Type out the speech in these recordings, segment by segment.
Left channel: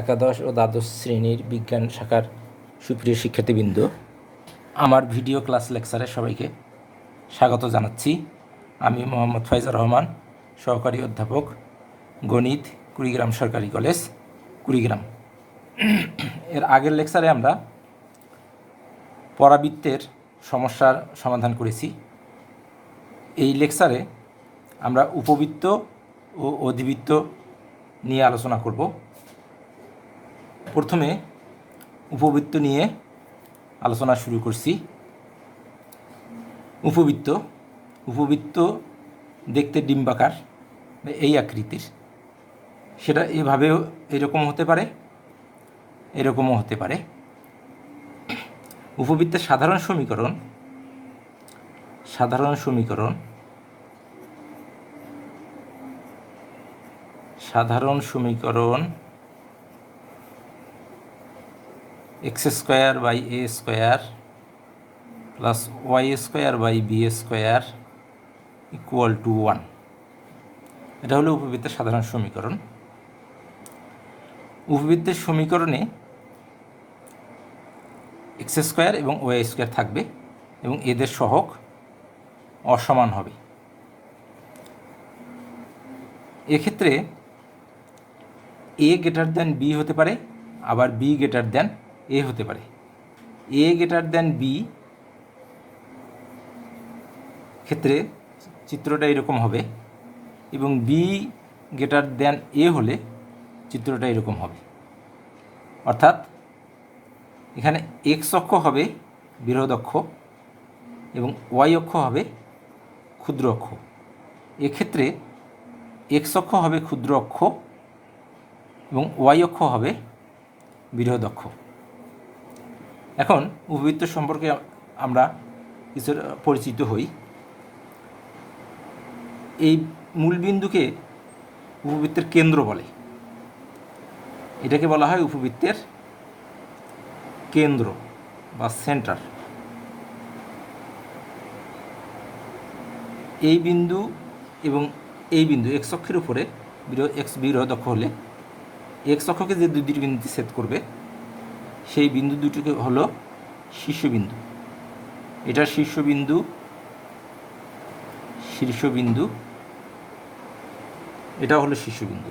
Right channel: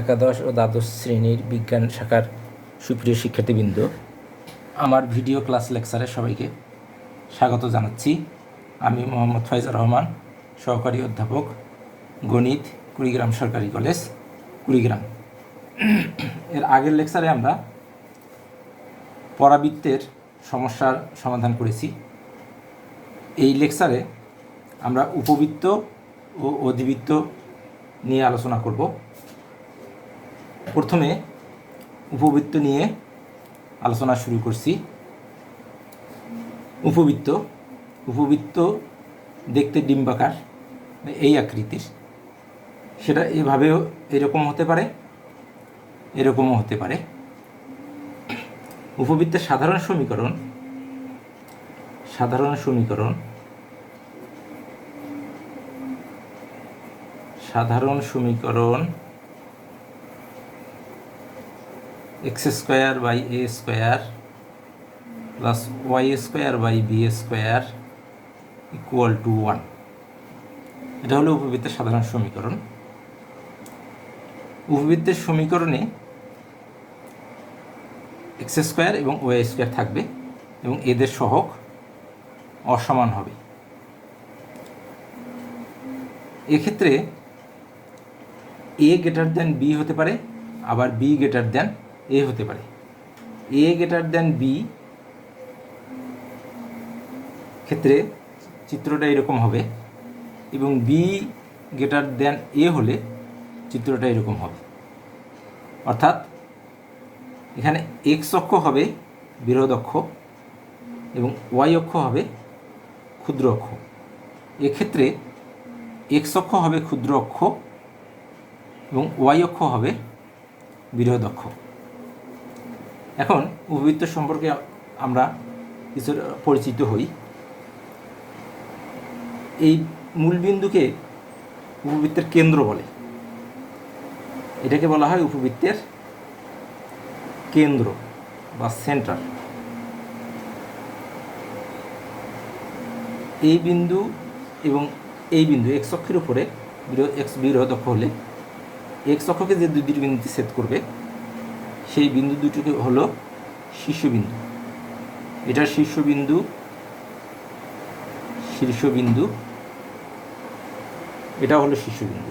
একাদশ ও দ্বাদশ শ্রেণীর বিজ্ঞান শাখার সুপ্রিয় শিক্ষার্থীবৃন্দ, আমার ভিডিও ক্লাস লেকচারে সবাইকে স্বাগত জানাচ্ছি। আমি মোহাম্মদ ফয়জুর রহমান, সহকারী অধ্যাপক, গণিত, কুড়িগ্রাম সরকারি কলেজ, কুড়িগ্রাম। এর আগের লেকচারে আমরা পরাবৃত্তের সমস্যার সমাধান করেছি। এই লেকচারে আমরা উপবৃত্ত ও অধিবৃত্ত নিয়ে আলোচনা করব। প্রথমে উপবৃত্ত নিয়ে আলোচনা শুরু করছি। উপবৃত্ত দেখতে ডিম্বাকার, এই আকৃতির। সেটা এভাবেও এরকম হতে পারে, এরকমও হতে পারে। উপবৃত্তের সাধারণ সমীকরণ x square by a square plus y square by b square equal to 1। এটা হলো উপবৃত্তের সাধারণ সমীকরণ। উপবৃত্তের সমীকরণে x স্কোয়ার এবং y স্কোয়ার থাকবে এবং এদের সহগ অসমান হবে। এক্ষেত্রে a গ্রেটার দ্যান b হতে পারে, আবার b গ্রেটার দ্যান a হতে পারে। a গ্রেটার দ্যান b ক্ষেত্রে চিত্রটা এরকম হবে এবং b গ্রেটার দ্যান a হলে চিত্রটা এরকম হবে। অর্থাৎ এখানে x অক্ষ হবে বৃহৎ অক্ষ এবং y অক্ষ হবে ক্ষুদ্র অক্ষ। এক্ষেত্রে x অক্ষ হবে ক্ষুদ্র অক্ষ এবং y অক্ষ হবে বৃহৎ অক্ষ। এখন উপবৃত্ত সম্পর্কে আমরা কিছু পরিচিত হই। এই মূলবিন্দুকে উপবৃত্তের কেন্দ্র বলে। এটাকে বলা হয় উপবৃত্তের কেন্দ্র বা সেন্টার। এই বিন্দু এবং এই বিন্দু এক্স অক্ষের উপরে এক্স বৃহৎ অক্ষ হলে এক্স অক্ষকে যে দুটি বিন্দুতে ছেদ করবে সেই বিন্দু দুটিকে হলো শীর্ষবিন্দু। এটার শীর্ষবিন্দু এটা হলো শীর্ষবিন্দু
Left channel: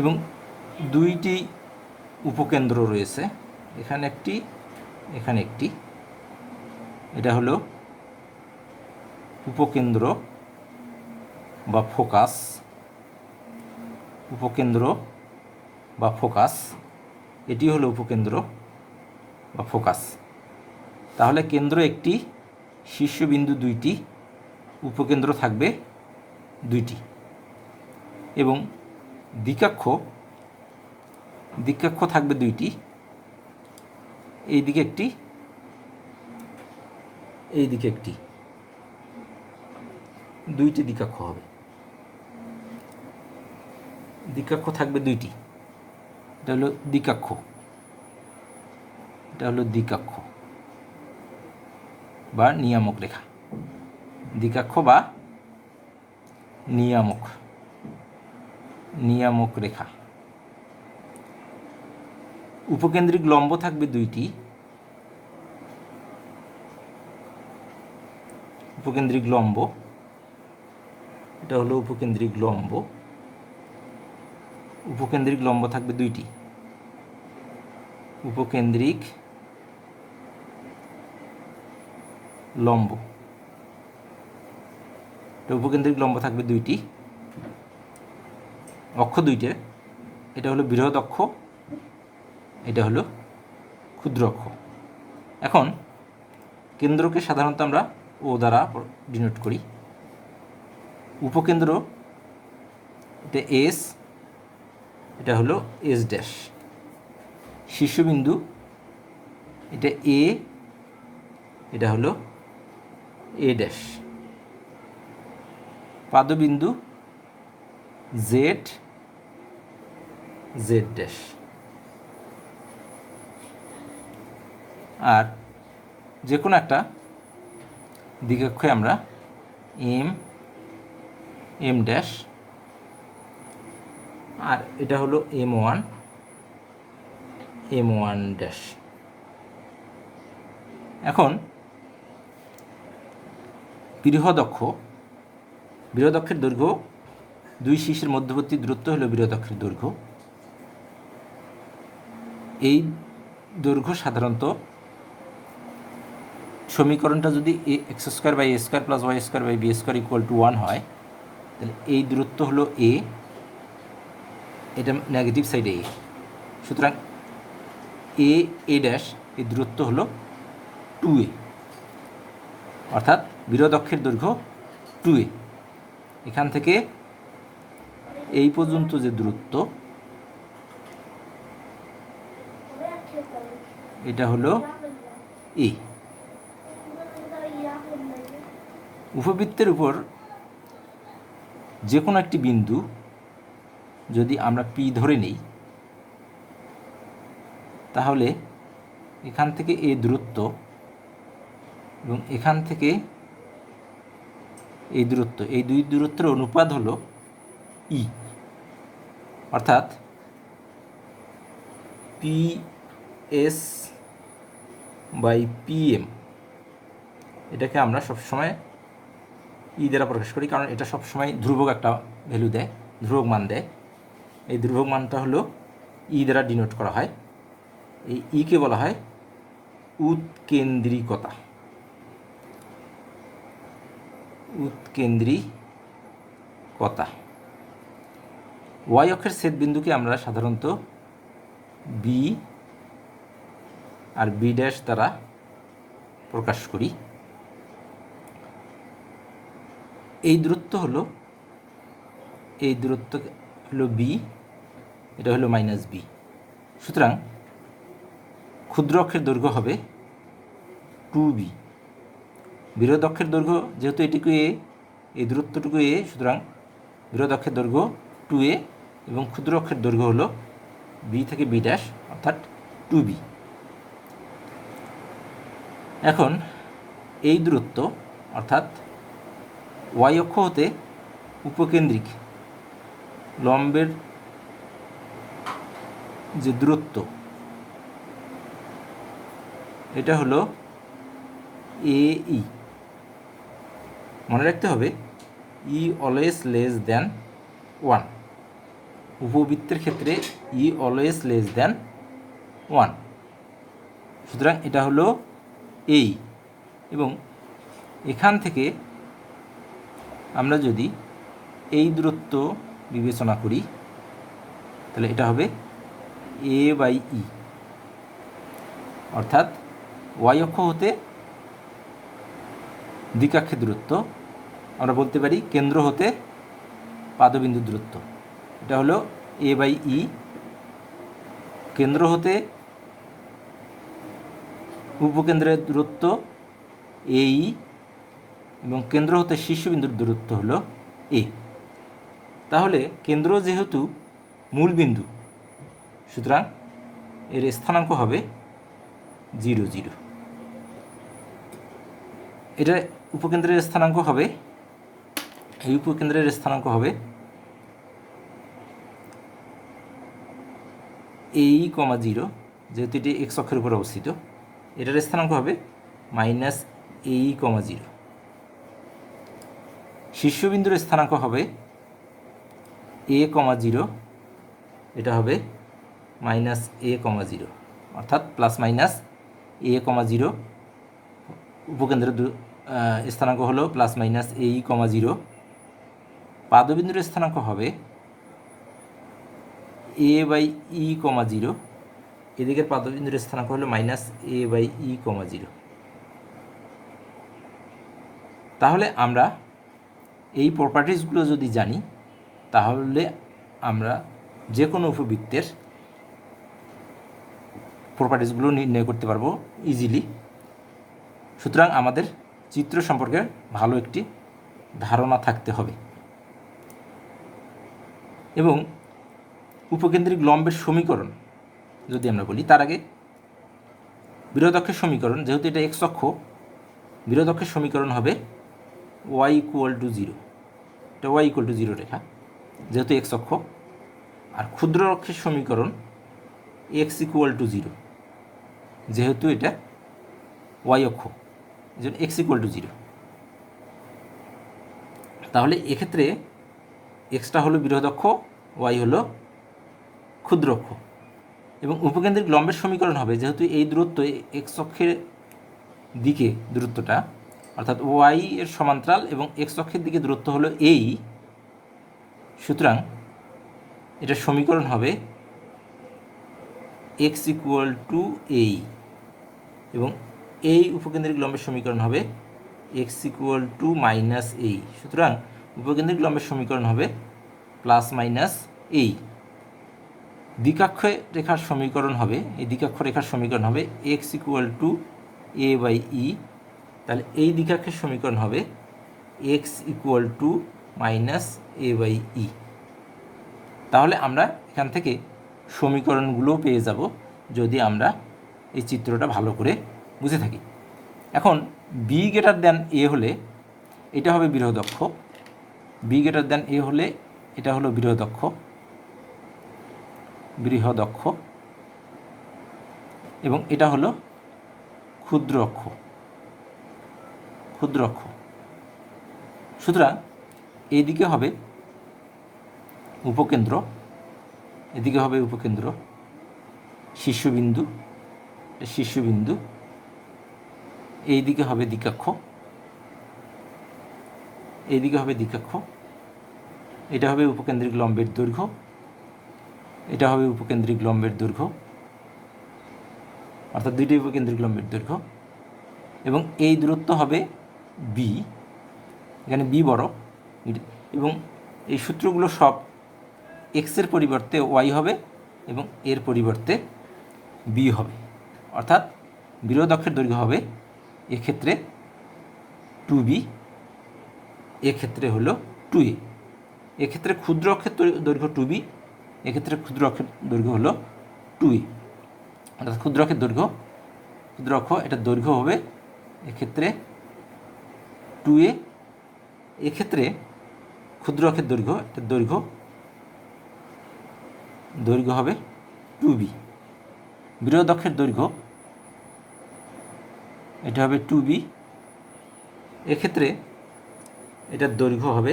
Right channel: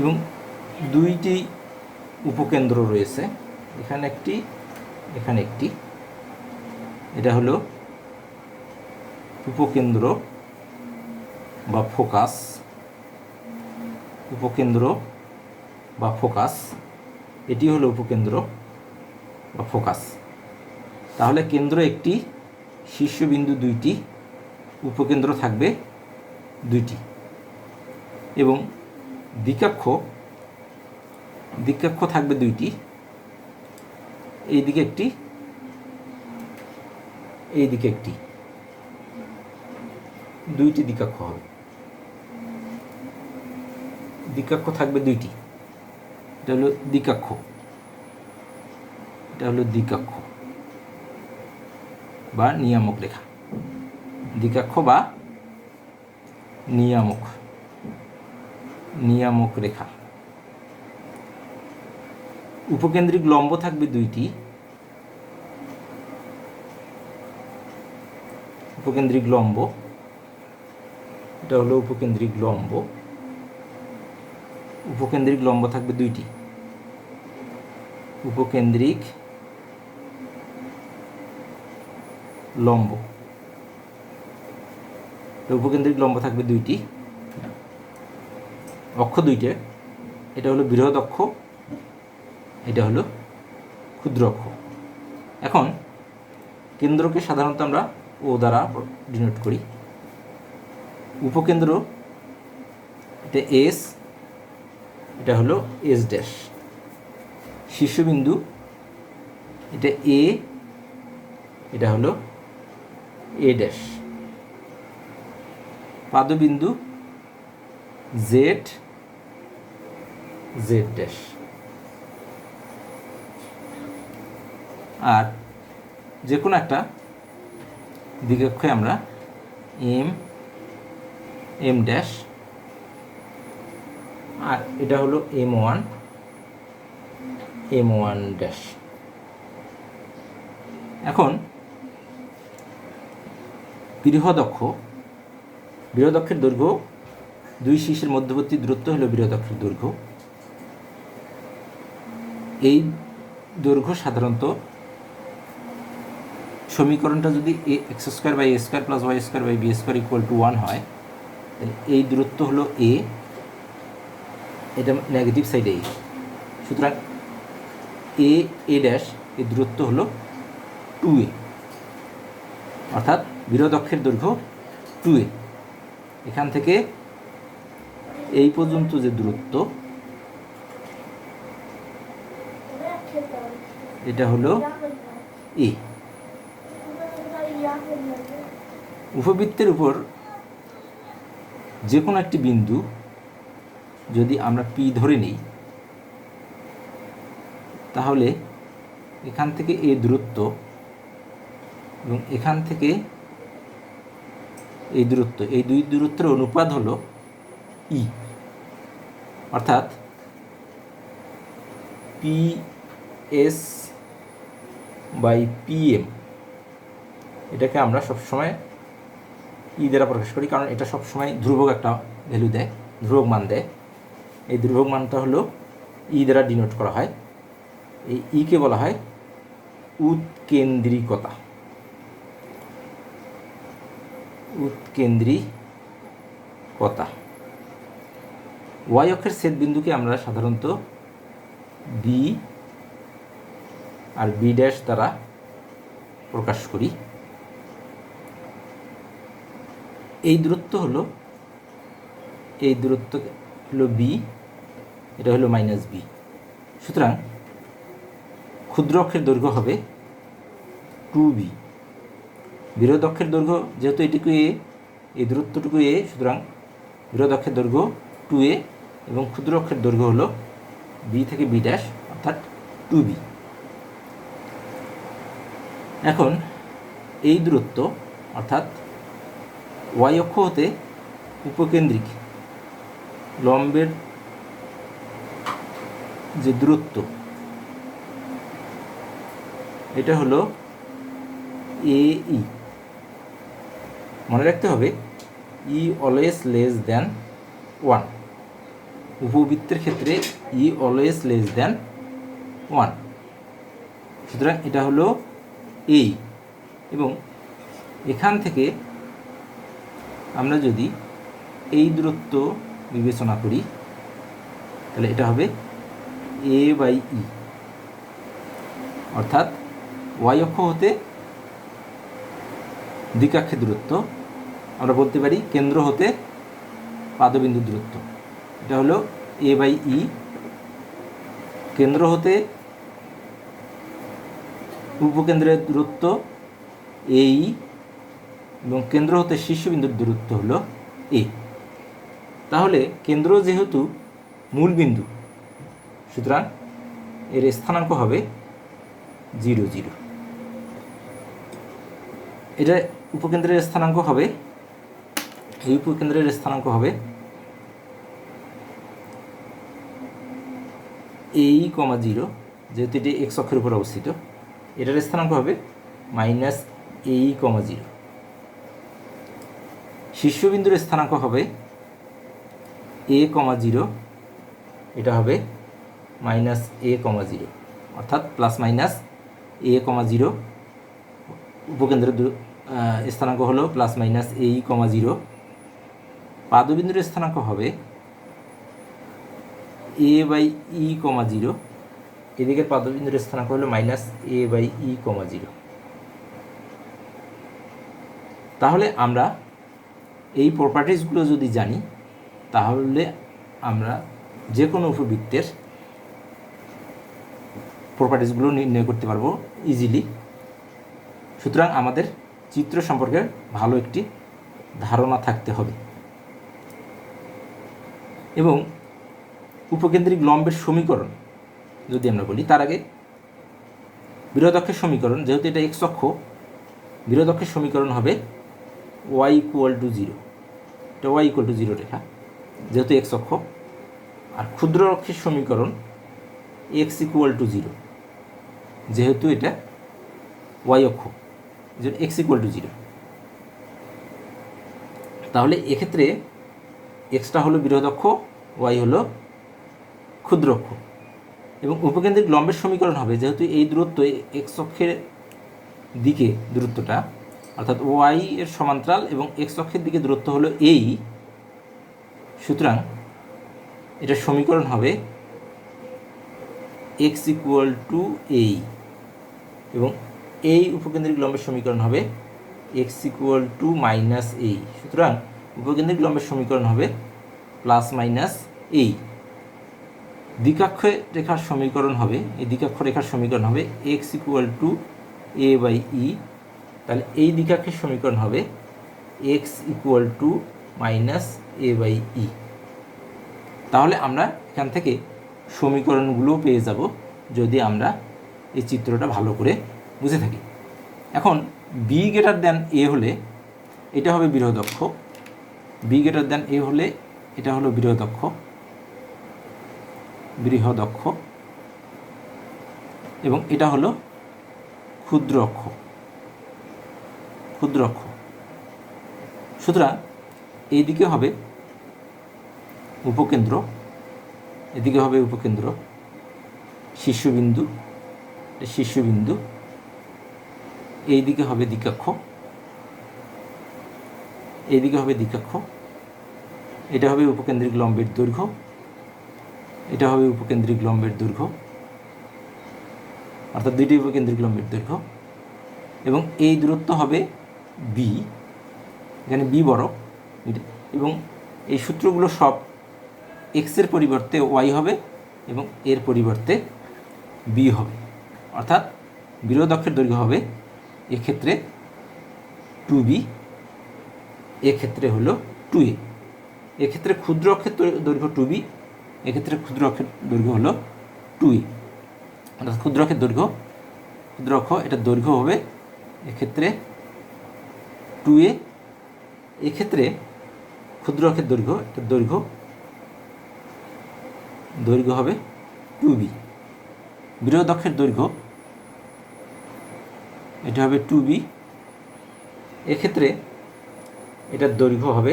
এবং দুইটি উপকেন্দ্র রয়েছে, এখানে একটি, এখানে একটি। এটা হলো উপকেন্দ্র বা ফোকাস, এটি হলো উপকেন্দ্র বা ফোকাস। তাহলে কেন্দ্র একটি, শীর্ষবিন্দু দুইটি, উপকেন্দ্র থাকবে দুইটি এবং দ্বিকক্ষ থাকবে দুইটি। এইদিকে একটি, এইদিকে একটি, দুইটি দ্বিকক্ষ হবে। দ্বিকক্ষ থাকবে দুইটি। এটা হলো দ্বিকক্ষ, এটা হলো দ্বিকক্ষ বা নিয়ামক রেখা। দ্বিকক্ষ বা নিয়ামক রেখা। উপকেন্দ্রিক লম্ব থাকবে দুইটি। উপকেন্দ্রিক লম্ব, এটা হলো উপকেন্দ্রিক লম্ব। উপকেন্দ্রিক লম্ব থাকবে দুইটি। উপকেন্দ্রিক লম্ব থাকবে দুইটি। অক্ষ দুইটে, এটা হলো বৃহৎ অক্ষ, এটা হলো ক্ষুদ্র অক্ষ। এখন কেন্দ্রকে সাধারণত আমরা ও দ্বারা ডিনোট করি। উপকেন্দ্র এটা এস, এটা হলো এস ড্যাশ। শীর্ষবিন্দু এটা এ, এটা হলো এ ড্যাশ। পাদবিন্দু জেড ড্যাশ। আর যে কোনো একটা দ্বিকক্ষে আমরা এম ড্যাশ আর এটা হলো M1 M1 ড্যাশ। এখন বৃহদক্ষের দৈর্ঘ্য দুই শীর্ষের মধ্যবর্তী দূরত্ব হলো বৃহদক্ষের দৈর্ঘ্য। এই দৈর্ঘ্য সাধারণত সমীকরণটা যদি x² / a² + y² / b² = 1 হয়, তাহলে এই দূরত্ব হলো a, এটা নেগেটিভ সাইডে a, সুতরাং a ড্যাশ এই দূরত্ব হলো 2a, অর্থাৎ বৃহদক্ষের দৈর্ঘ্য 2a। এখান থেকে এই পর্যন্ত যে দূরত্ব, এটা হলো a। উপবৃত্তের উপর যে কোনো একটি বিন্দু যদি আমরা P ধরে নিই, তাহলে এখান থেকে এই দূরত্ব এবং এখান থেকে এই দূরত্ব, এই দুই দূরত্বের অনুপাত হলো E, অর্থাৎ PS/PM। এটাকে আমরা সবসময় ই দ্বারা প্রকাশ করি, কারণ এটা সবসময় ধ্রুবক একটা ভ্যালু দেয়, ধ্রুবক মান দেয়। এই ধ্রুবক মানটা হলো ই দ্বারা ডিনোট করা হয়। এই ইকে বলা হয় উৎকেন্দ্রিকতা। ওয়াই অক্ষের ছেদ বিন্দুকে আমরা সাধারণত বি আর বি ড্যাশ দ্বারা প্রকাশ করি। এই দূরত্ব হলো বি, এটা হলো -b। সুতরাং ক্ষুদ্র অক্ষের দৈর্ঘ্য হবে 2b। বৃহৎ অক্ষের দৈর্ঘ্য যেহেতু এটুকু a, এই দূরত্বটুকু a, সুতরাং বৃহৎ অক্ষের দৈর্ঘ্য 2a এবং ক্ষুদ্র অক্ষের দৈর্ঘ্য হলো b থেকে b ড্যাশ, অর্থাৎ 2b। এখন এই দূরত্ব, অর্থাৎ ওয়াই অক্ষ হতে উপকেন্দ্রিক লম্বের যে দূরত্ব, এটা হলো AE। মনে রাখতে হবে E অলওয়েজ লেস দ্যান 1। উপবৃত্তের ক্ষেত্রে E অলওয়েজ লেস দ্যান 1, সুতরাং এটা হলো এই। এবং এখান থেকে আমরা যদি এই দূরত্ব বিবেচনা করি, তাহলে এটা হবে A/E, অর্থাৎ ওয়াই অক্ষ হতে দ্বিকাক্ষের দূরত্ব, আমরা বলতে পারি কেন্দ্র হতে পাদবিন্দুর দূরত্ব, এটা হলো A/E। কেন্দ্র হতে উপকেন্দ্রের দূরত্ব AE এবং কেন্দ্র হতে শীর্ষবিন্দুর দূরত্ব হলো A। তাহলে কেন্দ্র যেহেতু মূল বিন্দু, সুতরাং এর স্থানাঙ্ক হবে 0, 0। এটা উপকেন্দ্রের স্থানাঙ্ক হবে, এই উপকেন্দ্রের স্থানাঙ্ক হবে AE, 0, যেহেতু এটি x অক্ষের উপর অবস্থিত, এটার স্থানাঙ্ক হবে -AE, 0। শীর্ষবিন্দুর স্থানাঙ্ক হবে A, 0, এটা হবে -A, 0, অর্থাৎ +-A, 0। উপকেন্দ্রের স্থানাঙ্ক হলো +-AE, 0। পাদবিন্দুর স্থানাঙ্ক হবে A/E, 0। এদিকের পাদবিন্দুর স্থানাঙ্ক হলো -A/E, 0। তাহলে আমরা এই প্রপার্টিসগুলো যদি জানি, তাহলে আমরা যে কোনো উপবৃত্তের প্রপার্টিসগুলো নির্ণয় করতে পারবো ইজিলি। সুতরাং আমাদের চিত্র সম্পর্কে ভালো একটি ধারণা থাকতে হবে। এবং উপকেন্দ্রিক লম্বের সমীকরণ যদি আমরা বলি, তার আগে বৃহদক্ষের সমীকরণ, যেহেতু এটা x অক্ষ, বৃহদক্ষের সমীকরণ হবে y = 0। এটা y = 0 রেখা, যেহেতু x অক্ষ। আর ক্ষুদ্র অক্ষের সমীকরণ এক্স ইকুয়াল টু 0, যেহেতু এটা ওয়াই অক্ষ, এই জন্য এক্স ইকুয়াল টু 0। তাহলে এক্ষেত্রে এক্সটা হলো বৃহৎ অক্ষ, ওয়াই হলো ক্ষুদ্র অক্ষ, এবং উপকেন্দ্রিক লম্বের সমীকরণ হবে, যেহেতু এই দূরত্ব এক্স অক্ষের দিকে দূরত্বটা, অর্থাৎ ওয়াই এর সমান্তরাল এবং এক্স অক্ষের দিকে দূরত্ব হলো এই, সুতরাং এটার সমীকরণ হবে এক্স ইকুয়াল টু এই, এবং এই উপকেন্দ্রিক লম্বের সমীকরণ হবে এক্স ইকুয়াল টু মাইনাস এই। সুতরাং উপকেন্দ্রিক লম্বের সমীকরণ হবে প্লাস মাইনাস এই। দ্বিকাক্ষ রেখার সমীকরণ হবে, এই দ্বিকাক্ষ রেখার সমীকরণ হবে x equal to a by e. তাহলে এই দ্বিকাক্ষের সমীকরণ হবে x equal to minus a by e. তাহলে আমরা এখান থেকে সমীকরণগুলো পেয়ে যাব যদি আমরা এই চিত্রটা ভালো করে বুঝে থাকি। এখন বি গ্রেটার দ্যান এ হলে এটা হবে বৃহৎ অক্ষ, বি গ্রেটার দ্যান এ হলে এটা হলো বৃহৎ অক্ষ, বৃহৎ অক্ষ, এবং এটা হলো ক্ষুদ্র অক্ষ, ক্ষুদ্র অক্ষ। সুতরাং এইদিকে হবে উপকেন্দ্র, এদিকে হবে উপকেন্দ্র, শীর্ষবিন্দু, শীর্ষবিন্দু, এইদিকে হবে দ্বিকাক্ষ, এইদিকে হবে দ্বিকাক্ষ, এটা হবে উপকেন্দ্রিক লম্বের দৈর্ঘ্য, এটা হবে উপকেন্দ্রিক লম্বের দৈর্ঘ্য, অর্থাৎ দুইটি উপকেন্দ্রিক লম্বের দৈর্ঘ্য, এবং এই দূরত্ব হবে বি, এখানে বি বড়, এবং এই সূত্রগুলো সব এক্সের পরিবর্তে ওয়াই হবে এবং এর পরিবর্তে বি হবে, অর্থাৎ বৃহৎ অক্ষের দৈর্ঘ্য হবে এক্ষেত্রে 2b, এক্ষেত্রে হলো 2a। এক্ষেত্রে ক্ষুদ্র অক্ষের দৈর্ঘ্য 2b, এক্ষেত্রে ক্ষুদ্র অক্ষের দৈর্ঘ্য হলো 2a, অর্থাৎ ক্ষুদ্র অক্ষের দৈর্ঘ্য, ক্ষুদ্র অক্ষ এটার দৈর্ঘ্য হবে এক্ষেত্রে 2a, এক্ষেত্রে ক্ষুদ্র অক্ষের দৈর্ঘ্য, এটার দৈর্ঘ্য দৈর্ঘ্য হবে 2b। বৃহৎ অক্ষের দৈর্ঘ্য এটা হবে 2b, এক্ষেত্রে এটার দৈর্ঘ্য হবে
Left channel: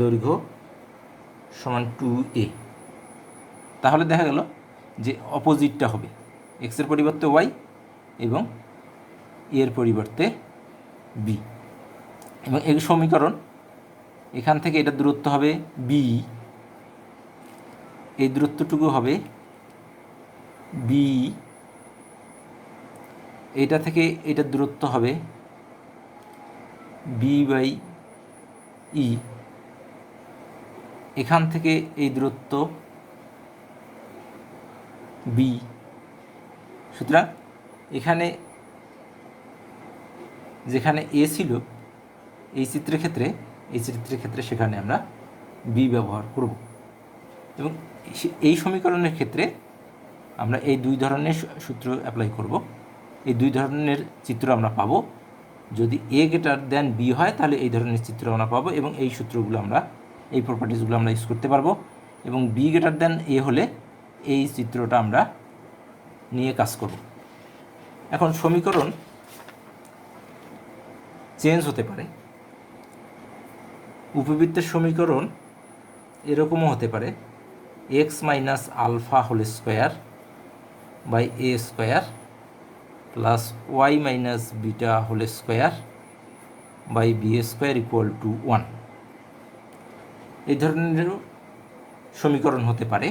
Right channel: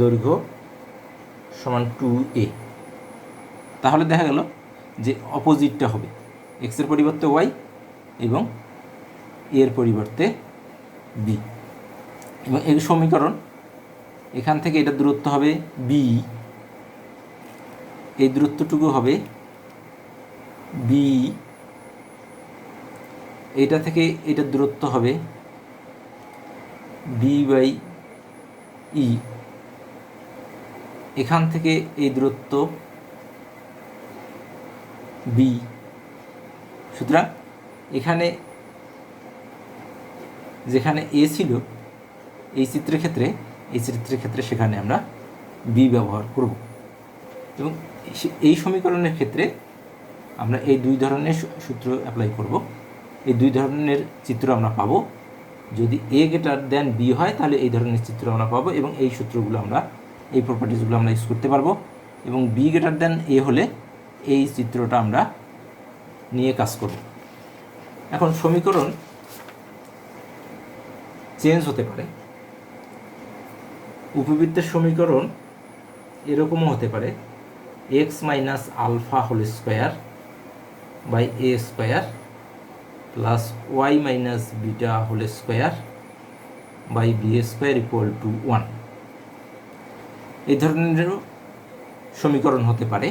দৈর্ঘ্য সমান 2a। তাহলে দেখা গেল যে অপোজিটটা হবে এক্সের পরিবর্তে ওয়াই এবং এর পরিবর্তে বি, এবং এই সমীকরণ এখান থেকে এটার দূরত্ব হবে বি, এই দূরত্বটুকু হবে বি, এইটা থেকে এটার দূরত্ব হবে বি বাই ই, এখান থেকে এই দূরত্ব বি। সুতরাং এখানে যেখানে এ ছিল এই চিত্রের ক্ষেত্রে সেখানে আমরা বি ব্যবহার করব, এবং এই সমীকরণের ক্ষেত্রে আমরা এই দুই ধরনের সূত্র অ্যাপ্লাই করব। এই দুই ধরনের চিত্র আমরা পাবো। যদি এ গ্রেটার দেন বি হয় তাহলে এই ধরনের চিত্র আমরা পাবো, এবং এই সূত্রগুলো আমরা, এই প্রপার্টিসগুলো আমরা ইউজ করতে পারবো, এবং বি গ্রেটার দেন এ হলে এই চিত্রটা আমরা নিয়ে কাজ করব। এখন সমীকরণ চেঞ্জ হতে পারে, উপবৃত্তের সমীকরণ এরকমও হতে পারে x minus alpha whole square by a square plus y minus beta whole square by b square equal to 1। এই ধরনেরও সমীকরণ হতে পারে।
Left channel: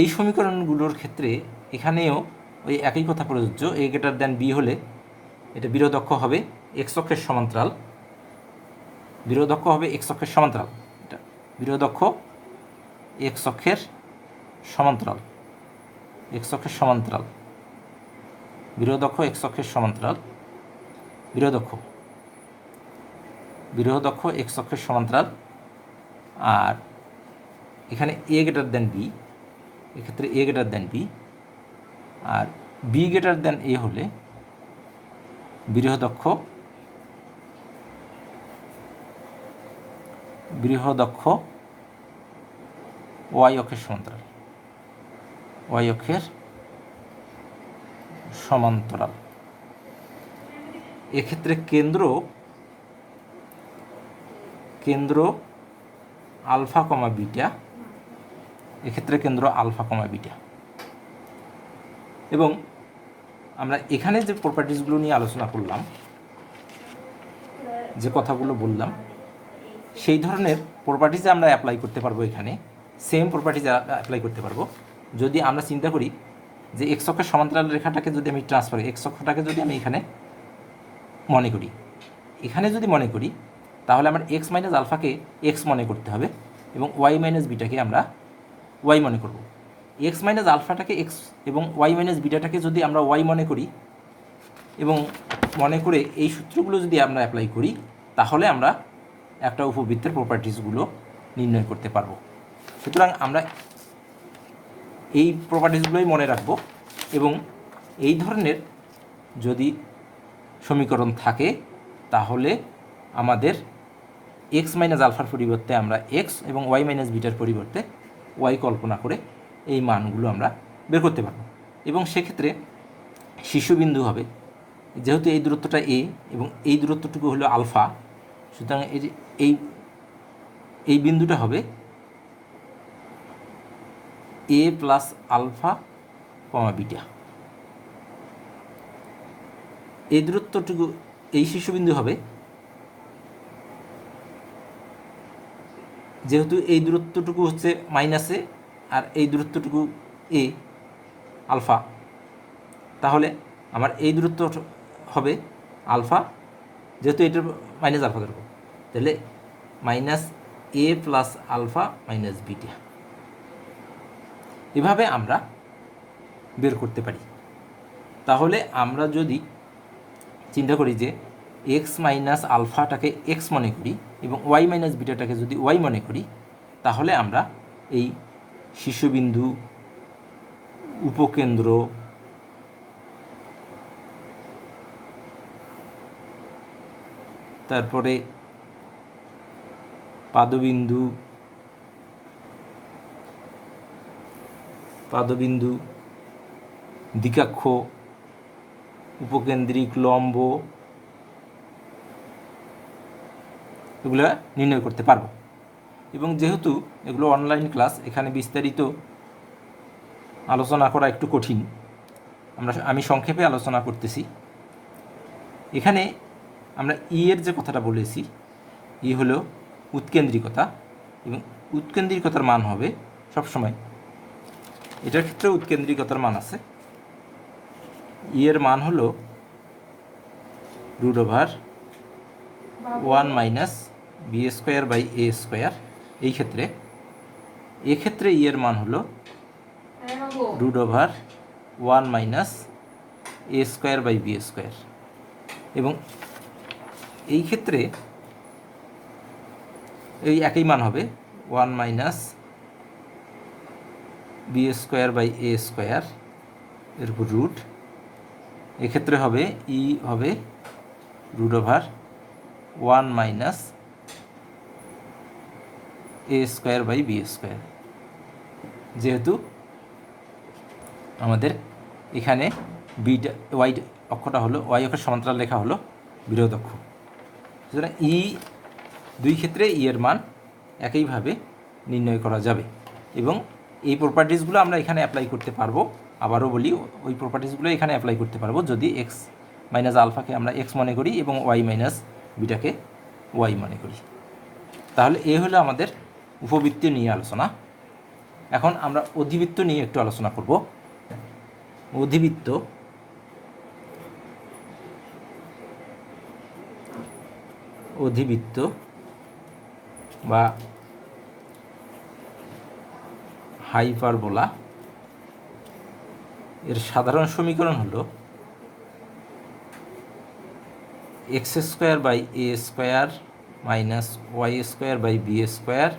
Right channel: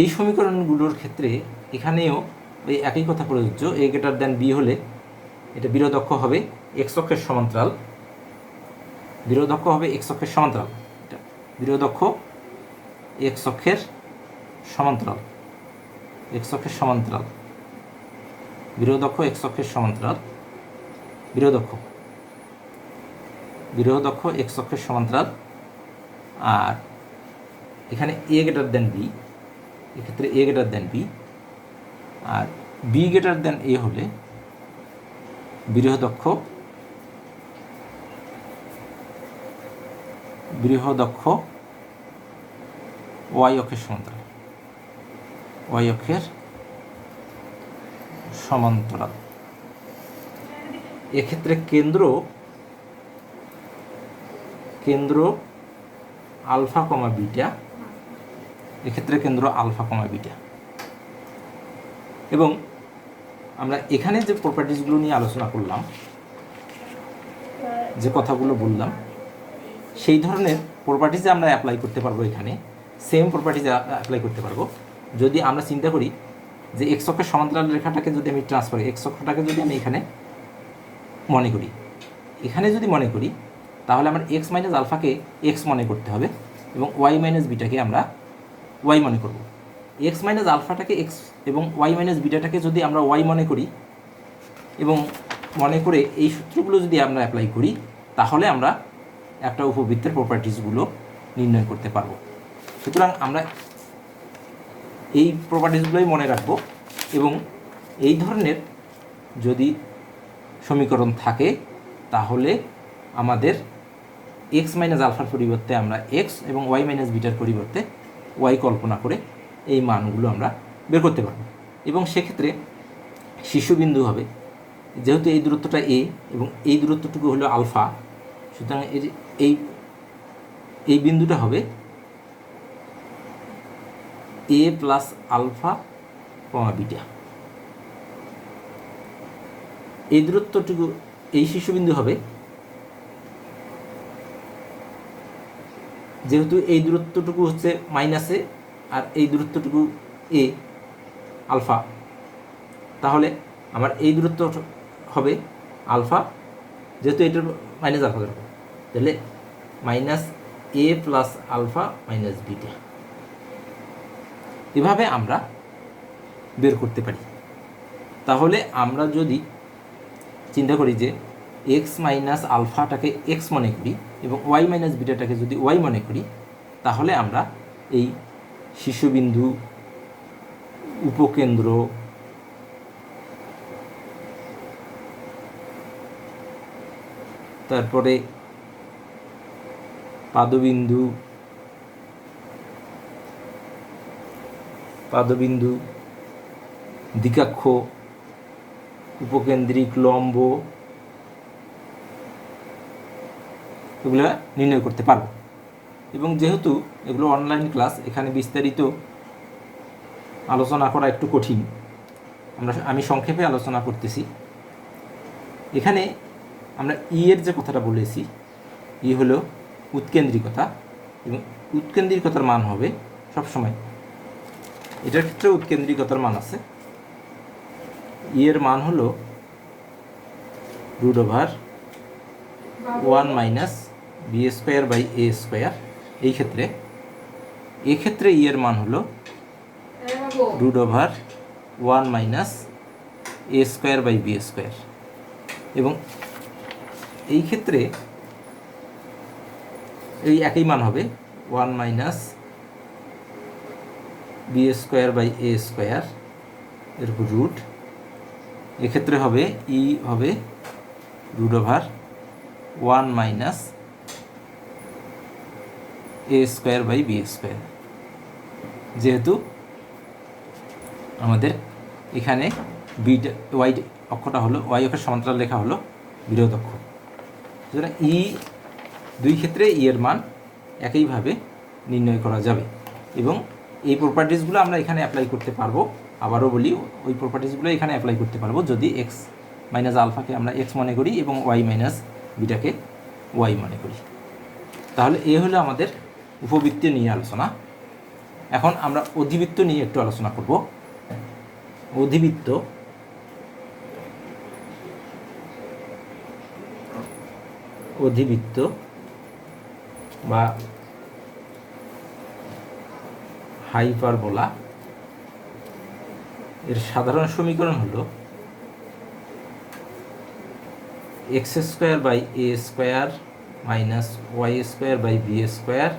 এই সমীকরণগুলোর ক্ষেত্রে এখানেও ওই একই কথা প্রযোজ্য। এ গ্রেটার দ্যান বি হলে এটা বৃহৎ অক্ষ হবে এক্স অক্ষের সমান্তরাল, বৃহৎ অক্ষ হবে এক্স অক্ষের সমান্তরাল, এটা বৃহৎ অক্ষ এক্স অক্ষের সমান্তরাল, এক্স অক্ষের সমান্তরাল, বৃহৎ অক্ষ এক্স অক্ষের সমান্তরাল, বৃহৎ অক্ষ এক্স অক্ষের সমান্তরাল। আর এখানে এ গ্রেটার দেন বি, এক্ষেত্রে এ গ্রেটার দেন বি, আর বি গ্রেটার দেন এ হলে বৃহৎ অক্ষ বৃহদক্ষ ওয়াই অক্ষের সমান্তরাল, ওয়াই অক্ষের সমান্তরাল। এক্ষেত্রে কেন্দ্র আলফা কমা বিটা, এক্ষেত্রে কেন্দ্র আলফা কমা বিটা। এবং আমরা এখানে যে প্রপার্টিসগুলো নিয়ে আলোচনা করলাম, যে কথাগুলো বললাম, সেই ধরনের প্রপার্টিজ আমরা অ্যাপ্লাই করতে পারবো। এখানে সেম প্রপার্টিজ অ্যাপ্লাই করতে পারবো যদি আমরা চিন্তা করি যে এক্স অক্ষের সমান্তরাল রেখাটাকে যদি আমি ট্রান্সফার, এক্স অক্ষটাকে যদি আমি এখানে মনে করি, তাহলে আমার এক্স মাইনাস আলফাকে এক্স মনে করতে হবে এবং ওয়াই মাইনাস বিটাকে আমরা ওয়াই মনে করব। এক্স মাইনাস আলফাটাকে এক্স এবং ওয়াই মাইনাস বিটাটাকে যদি আমরা ওয়াই মনে করি এবং মনে করে এই সূত্রগুলো যদি আমরা অ্যাপ্লাই করি, তাহলে আমরা একটা উপবৃত্তের প্রপার্টিসগুলো নির্ণয় করতে পারবো। সুতরাং আমরা এই প্রপার্টিসগুলোই মনে রাখব এবং এই ধরনের যদি সমীকরণ থাকে তাহলে আমাদের এক্স মাইনাস আলফার পরিবর্তে আমরা এক্স এবং ওয়াই মাইনাস বিটার পরিবর্তে ওয়াই কল্পনা করে এই মানগুলো আমরা বের করতে পারবো। এবং সেক্ষেত্রে শীর্ষবিন্দু হবে, যেহেতু এই দূরত্বটা এ এবং এই দূরত্বটুকু হলো আলফা, সুতরাং এই বিন্দুটা হবে এ প্লাস আলফা কমা বিটা। এই দূরত্বটুকু, এই শীর্ষবিন্দু হবে, যেহেতু এই দূরত্বটুকু হচ্ছে মাইনাসে আর এই দূরত্বটুকু এ আলফা, তাহলে আমার এই দূরত্ব হবে আলফা, যেহেতু এটা মাইনাস আলফা দরকার, তাহলে মাইনাস এ প্লাস আলফা মাইনাস বিটা। এভাবে আমরা বের করতে পারি। তাহলে আমরা যদি চিন্তা করি যে এক্স মাইনাস আলফাটাকে এক্স মনে করি এবং ওয়াই মাইনাস বিটাটাকে যদি ওয়াই মনে করি, তাহলে আমরা এই শীর্ষবিন্দু, উপকেন্দ্র, তারপরে পাদবিন্দু, দ্বিকাক্ষ, উপকেন্দ্রিক, লম্ব, এগুলো নির্ণয় করতে পারবো। এবং যেহেতু এগুলো অনলাইন ক্লাস, এখানে বিস্তারিত আলোচনা করা একটু কঠিন, আমি সংক্ষেপে আলোচনা করতেছি। এখানে আমরা এর যে কথাটা বলেছি, হলো উৎকেন্দ্রিকতা, এবং উৎকেন্দ্রিকতার মান হবে সবসময়, এটার ক্ষেত্রে উৎকেন্দ্রিকতার মান আছে, এর মান হলো √1 minus b square by a square. এক্ষেত্রে এর মান হলো √1 minus a square by b square. এবং এই ক্ষেত্রে এই একই মান হবে 1 minus b square by a square এর উপর রুট। এক্ষেত্রে হবে হবে √1 minus a square by b square, যেহেতু আমাদের এখানে বিটা ওয়াই অক্ষটা হলো, ওয়াই অক্ষের সমান্তরাল রেখা হলো বৃহৎ অক্ষ। সুতরাং দুই ক্ষেত্রে এর মান একইভাবে নির্ণয় করা যাবে এবং এই প্রপার্টিসগুলো আমরা এখানে অ্যাপ্লাই করতে পারবো। আবারও বলি, ওই প্রপার্টিসগুলো এখানে অ্যাপ্লাই করতে পারবো যদি এক্স মাইনাস আলফাকে আমরা এক্স মনে করি এবং ওয়াই মাইনাস বিটাকে ওয়াই মনে করি। তাহলে এ হলো আমাদের উপবৃত্ত নিয়ে আলোচনা। এখন আমরা অধিবৃত্ত নিয়ে একটু আলোচনা করব। অধিবৃত্ত বা হাইপারবোলা এর সাধারণ সমীকরণ হলো x square by a square minus y square by b square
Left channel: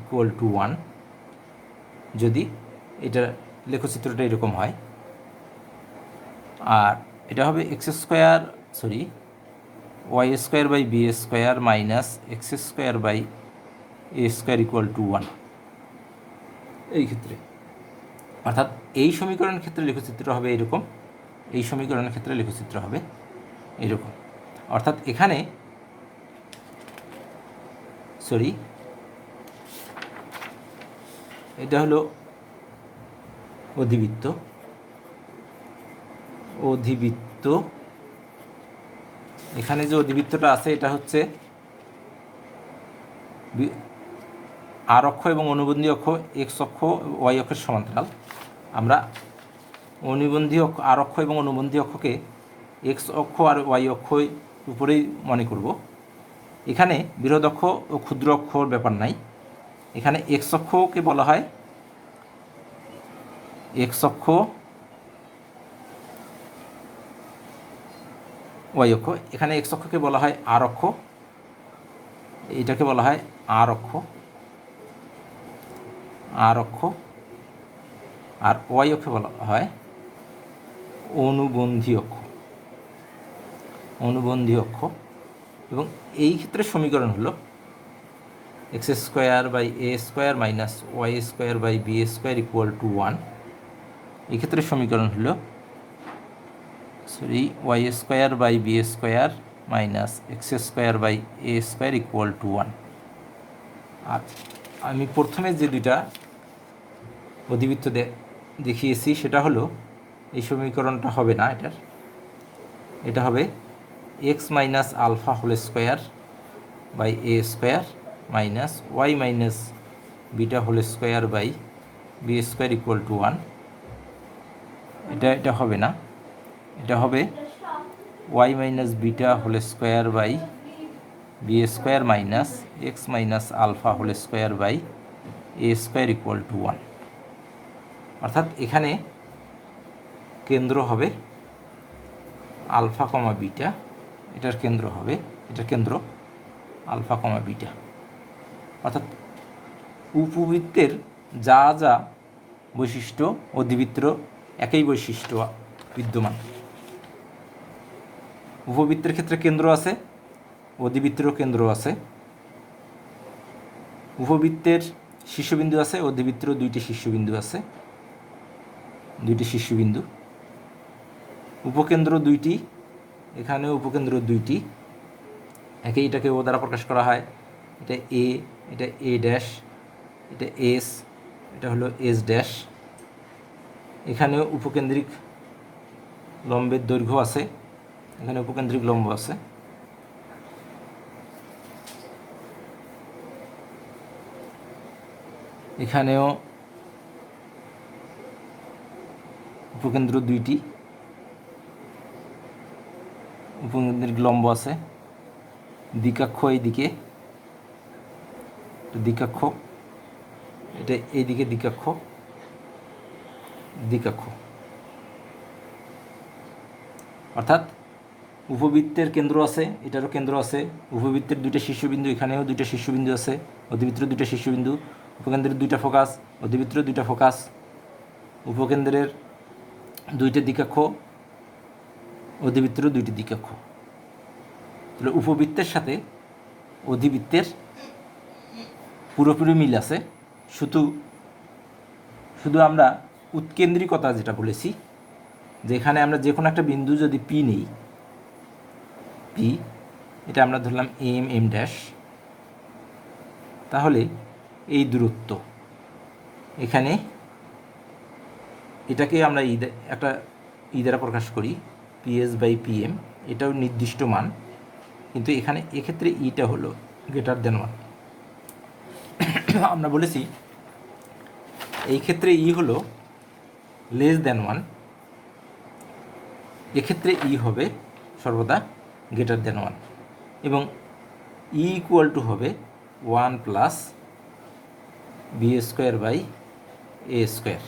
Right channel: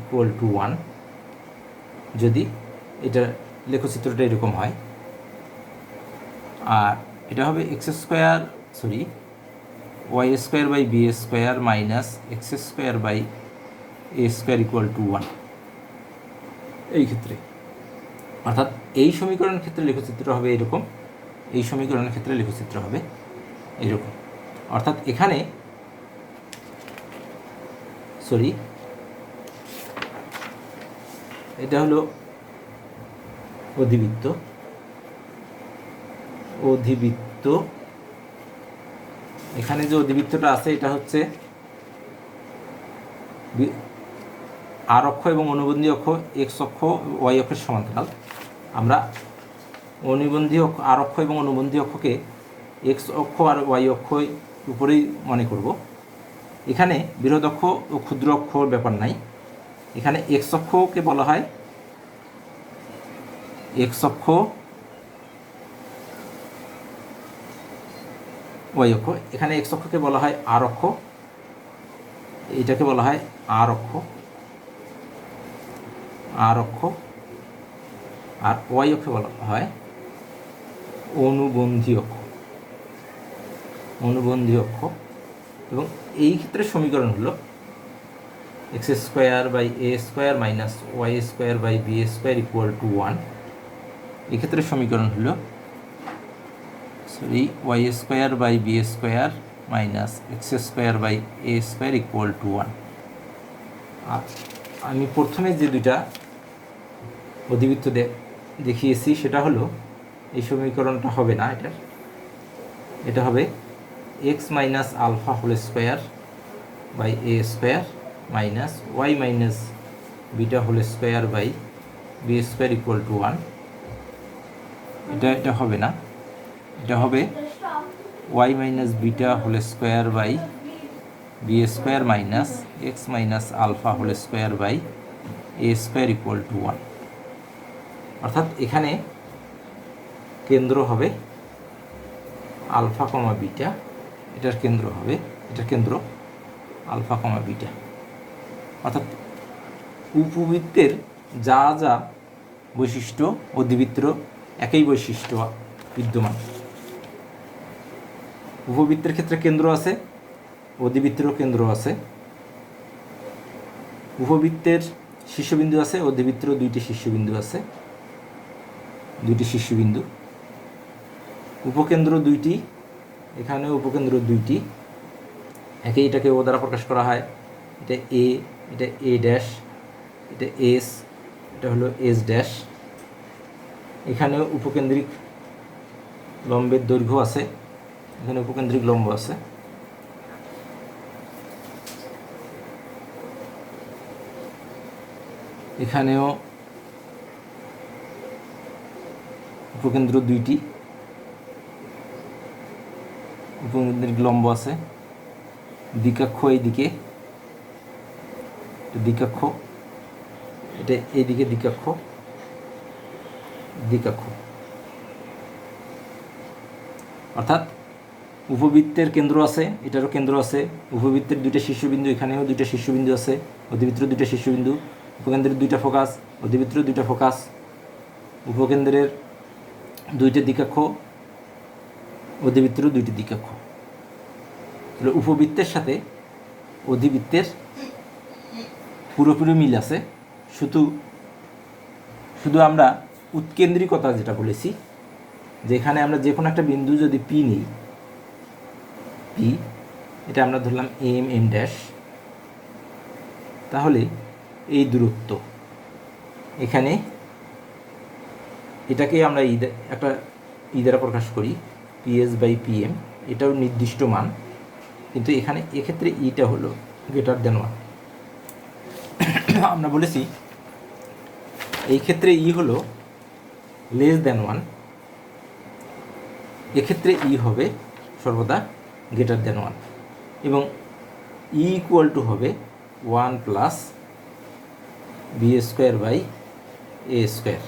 equal to 1। যদি এটা লেখচিত্রটা এরকম হয়, আর এটা হবে y square by b square minus x square by a square equal to 1 এই ক্ষেত্রে। অর্থাৎ এই সমীকরণের ক্ষেত্রে লেখচিত্র হবে এরকম, এই সমীকরণের ক্ষেত্রে লেখচিত্র হবে এইরকম। অর্থাৎ এখানে এটা হলো অধিবৃত্ত, এখানে যে অধিবৃত্তটা আছে এটা হচ্ছে আর অক্ষ এবং অনুবন্ধী অক্ষ এক্স অক্ষ ওয়াই অক্ষের সমান্তরাল। আমরা অনুবন্ধী অক্ষ আর অক্ষ এবং অনুবন্ধী অক্ষকে এক্স অক্ষ আর ওয়াই অক্ষ উপরেই মনে করব। এখানে বৃহৎ অক্ষ ও ক্ষুদ্র অক্ষর ব্যাপার নাই। এখানে এক্স অক্ষকে বলা হয় এক্স অক্ষ, ওয়াই অক্ষ। এখানে এক্স অক্ষকে বলা হয় আর অক্ষ, এটাকে বলা হয় আর অক্ষ, আর ওয়াই অক্ষে বলা হয় অনুবন্ধী অক্ষ। এবং এই ক্ষেত্রে সমীকরণ হলো x square by a square minus y square by b square equal to 1। এক্ষেত্রে সমীকরণ হলো y square by b square minus x square by a square equal to 1। আর আমি প্রথমে যে দুইটা অধিবৃত্ত দেখিয়েছি সেটা হলো এই সমীকরণটা হবে না, এটা হবে x minus alpha whole square by a square minus y minus beta whole square by b square equal to 1। এটা হবে না, এটা হবে y minus beta whole square by b square minus x minus alpha whole square by a square equal to 1। অর্থাৎ এখানে কেন্দ্র হবে alpha কমা beta, এটার কেন্দ্র হবে, এটার কেন্দ্র আলফা কমা বিটা। অর্থাৎ উপবৃত্তের যা যা বৈশিষ্ট্য অধিবৃত্তের একই বৈশিষ্ট্য বিদ্যমান। উপবৃত্তের ক্ষেত্রে কেন্দ্র আছে, অধিবৃত্তেরও কেন্দ্র আছে। উপবৃত্তের শীর্ষবিন্দু আছে, অধিবৃত্তেরও দুইটি শীর্ষবিন্দু আছে, উপকেন্দ্র দুইটি, এখানেও উপকেন্দ্র দুইটি। এটাকে ও দ্বারা প্রকাশ করা হয়, এটা এ, এটা এ ড্যাশ, এটা এস, এটা হলো এস ড্যাশ। এখানেও উপকেন্দ্রিক লম্বের দৈর্ঘ্য আছে, এখানে উপকেন্দ্রিক লম্ব আছে। এখানেও উপকেন্দ্র দুইটি, উপকেন্দ্রিক লম্ব আছে। দ্বিকাক্ষ এইদিকে, দ্বিকাক্ষ, এটা এইদিকে দ্বিকাক্ষ, অর্থাৎ উপবৃত্তের কেন্দ্র আছে, এটারও কেন্দ্র আছে। উপবৃত্তের দুইটা শীর্ষবিন্দু, এখানেও দুইটা শীর্ষবিন্দু আছে। অধিবৃত্তের দুইটা শীর্ষবিন্দু, উপকেন্দ্রের দুইটা ফোকাস, অধিবৃত্তের দুইটা ফোকাস। উপকেন্দ্রের দুইটি দ্বিকক্ষ, অধিবৃত্তেরও দুইটি দ্বিকক্ষ। তাহলে উপবৃত্তের সাথে অধিবৃত্তের পুরোপুরি মিল আছে। শুধু আমরা উৎকেন্দ্রিকতা যেটা বলেছি, যেখানে আমরা যে কোনো একটা বিন্দু যদি পি নিই, পি এটা আমরা ধরলাম এম ড্যাশ, তাহলে এই দূরত্ব এখানে এটাকে আমরা একটা দ্বারা প্রকাশ করি, পিএস বাই পিএম। এটাও নির্দিষ্ট মান, কিন্তু এখানে এক্ষেত্রে ইটা হলো গ্রেটার দেন 1। আমরা বলেছি এই ক্ষেত্রে ই হলো লেস দেন 1, এক্ষেত্রে ই হবে সর্বদা গ্রেটার দেন 1, এবং ই ইকুয়াল টু হবে 1 plus b square by a square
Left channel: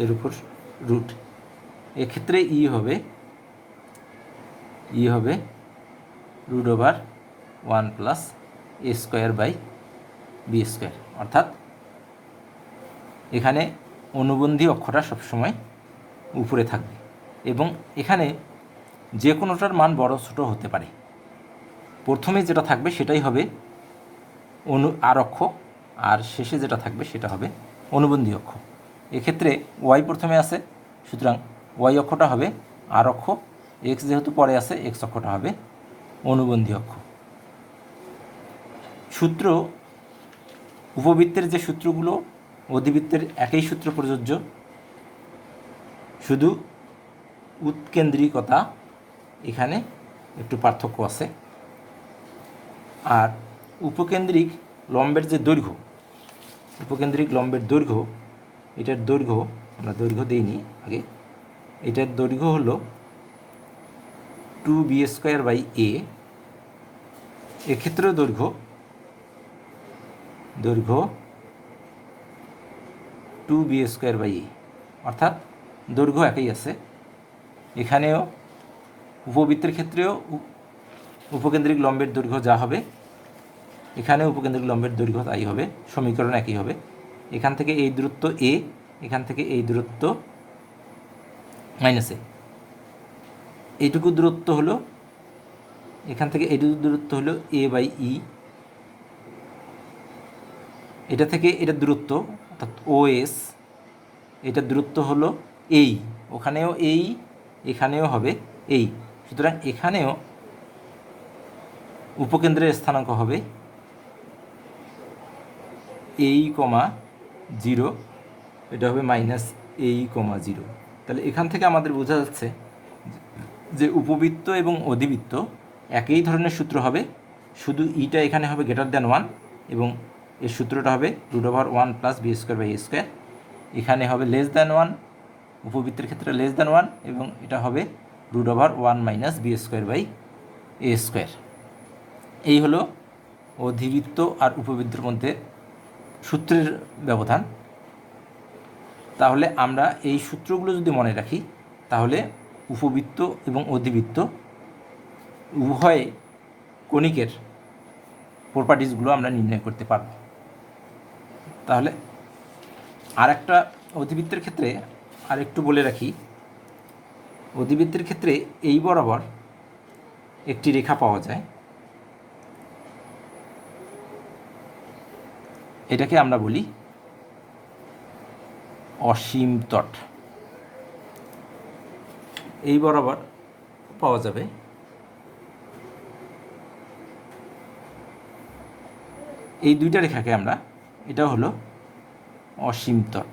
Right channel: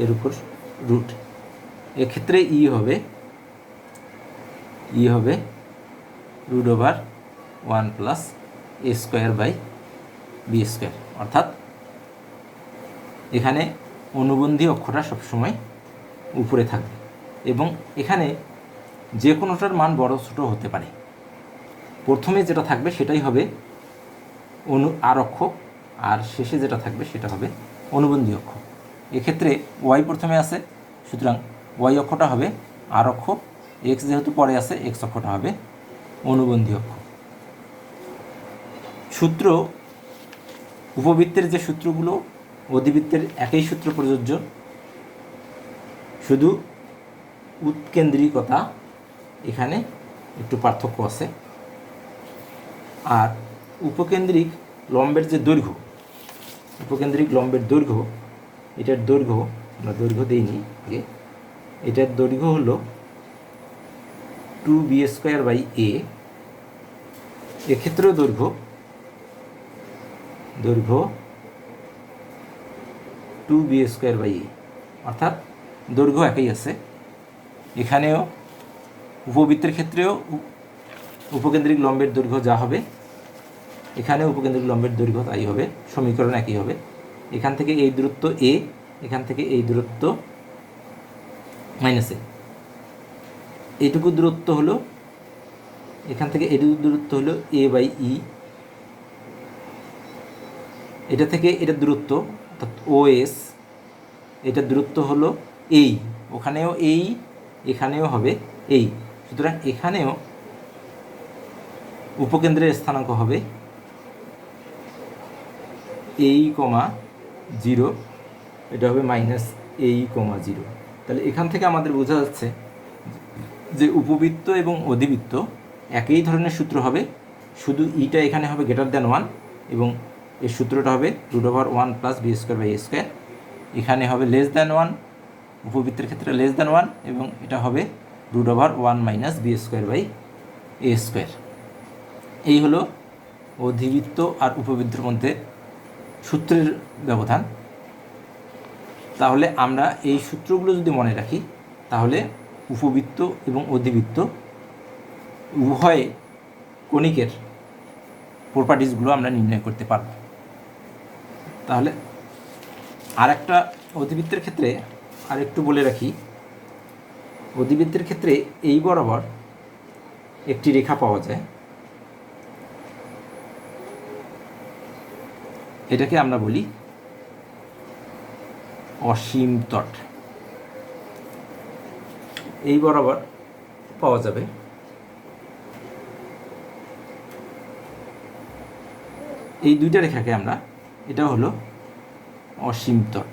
এর উপর রুট। এক্ষেত্রে ই হবে root over 1 plus a square by b square. অর্থাৎ এখানে অনুবন্ধী অক্ষটা সবসময় উপরে থাকবে, এবং এখানে যে কোনোটার মান বড় ছোটো হতে পারে। প্রথমে যেটা থাকবে সেটাই হবে আর অক্ষ, আর শেষে যেটা থাকবে সেটা হবে অনুবন্ধী অক্ষ। এক্ষেত্রে ওয়াই প্রথমে আছে, সুতরাং ওয়াই অক্ষটা হবে আর অক্ষ, এক্স যেহেতু পরে আছে এক্স অক্ষটা হবে অনুবন্ধী অক্ষ। সূত্র, উপবৃত্তের যে সূত্রগুলো অধিবৃত্তের একই সূত্র প্রযোজ্য, শুধু উৎকেন্দ্রিকতা এখানে একটু পার্থক্য আছে। আর উপকেন্দ্রিক লম্বের যে দৈর্ঘ্য, উপকেন্দ্রিক লম্বের দৈর্ঘ্য, এটার দৈর্ঘ্য আমরা দৈর্ঘ্য দিইনি আগে, এটার দৈর্ঘ্য হলো 2b²/a। এক্ষেত্রেও দৈর্ঘ্য 2b²/a, অর্থাৎ দৈর্ঘ্য একই আছে। এখানেও উপবৃত্তের ক্ষেত্রেও উপকেন্দ্রিক লম্বের দৈর্ঘ্য যা হবে এখানে উপকেন্দ্রিক লম্বের দৈর্ঘ্য তাই হবে, সমীকরণ একই হবে। এখান থেকে এই দূরত্ব এ, এখান থেকে এই দূরত্ব -a, এইটুকু দূরত্ব হলো, এখান থেকে এইটুকু দূরত্ব হলো a/e। এটা থেকে এটার দূরত্ব অর্থাৎ OS, এটার দূরত্ব হলো এই, ওখানেও এই, এখানেও হবে এই। সুতরাং এখানেও উপকেন্দ্রের স্থানাঙ্ক হবে a,0, এটা হবে -a,0। তাহলে এখান থেকে আমাদের বোঝা যাচ্ছে যে উপবৃত্ত এবং অধিবৃত্ত একই ধরনের সূত্র হবে, শুধু ইটা এখানে হবে >1 এবং এর সূত্রটা হবে √1 + b²/a²। এখানে হবে <1, উপবৃত্তের ক্ষেত্রে <1, এবং এটা হবে √1 - b²/a²। এই হলো অধিবৃত্ত আর উপবৃত্তের মধ্যে সূত্রের ব্যবধান। তাহলে আমরা এই সূত্রগুলো যদি মনে রাখি তাহলে উপবৃত্ত এবং অধিবৃত্ত উভয় কণিকের প্রপার্টিসগুলো আমরা নির্ণয় করতে পারব। তাহলে আর একটা অধিবৃত্তের ক্ষেত্রে আর একটু বলে রাখি, অধিবৃত্তের ক্ষেত্রে এই বরাবর একটি রেখা পাওয়া যায়, এটাকে আমরা বলি অসীম তট। এই বরাবর পাওয়া যাবে এই দুইটা রেখাকে আমরা, এটা হলো অসীম তট।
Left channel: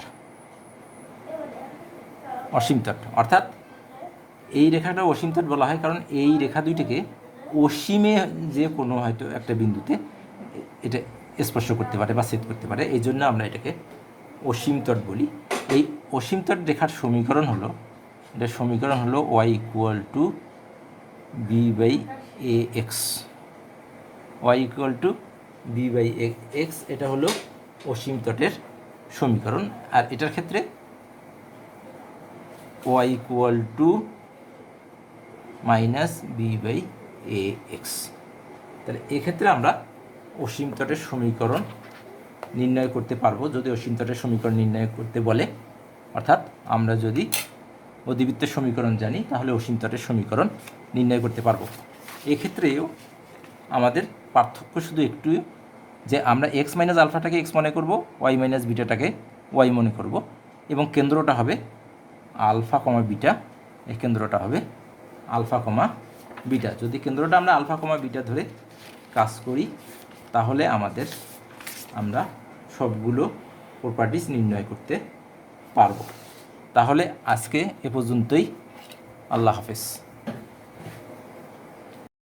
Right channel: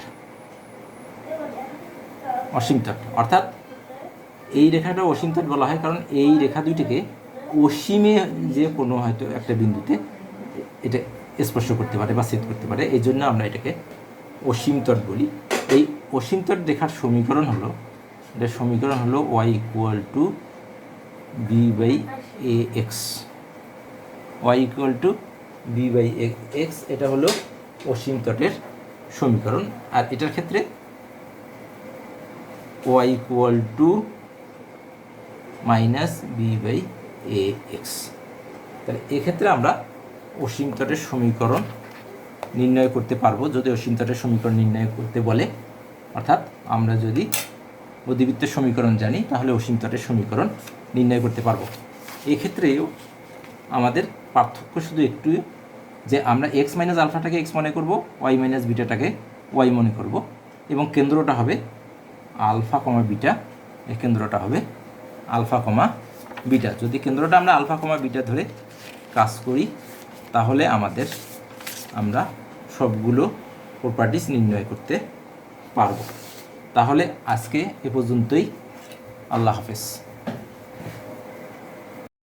অসীম তট অর্থাৎ এই রেখাটা অসীম তট বলা হয় কারণ এই রেখা দুইটিকে অসীমে যে কোনো হয়তো একটা বিন্দুতে এটা স্পর্শ করতে পারে বা ছেদ করতে পারে, এই জন্য আমরা এটাকে অসীম তট বলি। এই অসীম তট রেখার সমীকরণ হলো, এটার সমীকরণ হলো y = b/ax, y = b/ax, এটা হলো অসীম তটের সমীকরণ। আর এটার ক্ষেত্রে y = -b/ax। তাহলে এক্ষেত্রে আমরা অসীম তটের সমীকরণ নির্ণয় করতে পারবো যদি অসীম তটের সমীকরণ নির্ণয় করতে বলে, অর্থাৎ আমরা যদি অধিবৃত্তের সমীকরণ জানি তাহলে অসীম তটের সমীকরণ নির্ণয় করতে পারবো। এক্ষেত্রেও আমাদের পার্থক্য শুধু একটু, যে আমরা x - আলফাটাকে x মনে করব, y - বিটাটাকে y মনে করব, এবং কেন্দ্রটা হবে আলফা, বিটা। এই কেন্দ্রটা হবে আলফা, বিটা। যদি কেন্দ্রটা আমরা আলফা, বিটা ধরে কাজ করি তাহলে আমরা সবগুলো প্রপার্টিস নির্ণয় করতে পারব। তাহলে আজকে এ পর্যন্তই। আল্লাহ হাফেজ।